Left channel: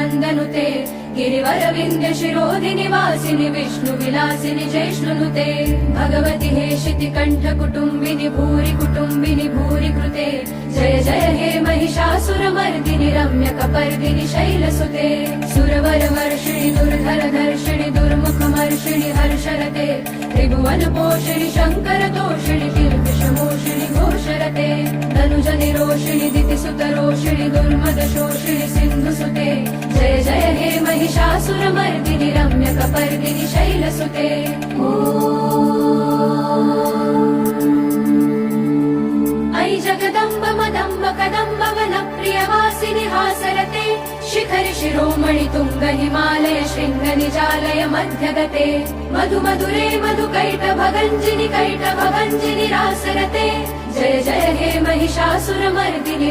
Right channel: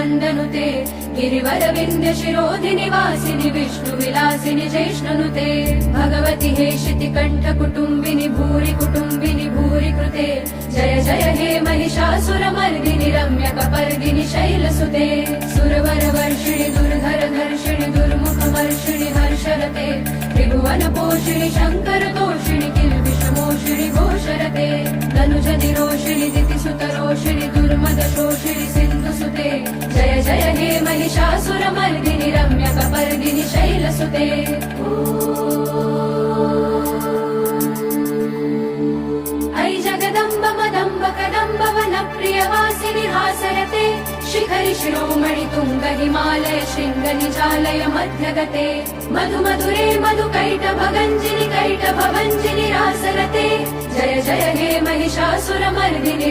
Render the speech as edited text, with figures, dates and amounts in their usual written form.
नन्दनुते गिरिवर विन्ध्य शिरोधिनि वासिनि विष्णु विलासिनि जैष्णुनुते भगवति हेशिति कण्ठ कुटुम्बिनि भूरि कृते जय जय हे महिषासुरमर्दिनि रम्य कपर्दिनि शैलसुते सुरवर वर्षिणि दुर्धर धर्षिणि दुर्मुखमर्षिणि हर्षरते त्रिभुवन पोषिणि शङ्कर तोषिणि किल्बिषमोषिणि घोषरते धनुज निरोषिणि दितिसुत रोषिणि दुर्मद शोषिणि सिन्धुसुते जय जय हे महिषासुरमर्दिनि रम्य कपर्दिनि शैलसुते ऐ जगदम्ब मदम्ब कदम्ब वनप्रियवासिनि हासरते शिखरि शिरोमणि तुङ्ग हिमालय शृङ्ग निजालय मध्यगते मधु मधुरे मधुकैटभगञ्जिनि रासरते जय जय हे महिषासुरमर्दिनि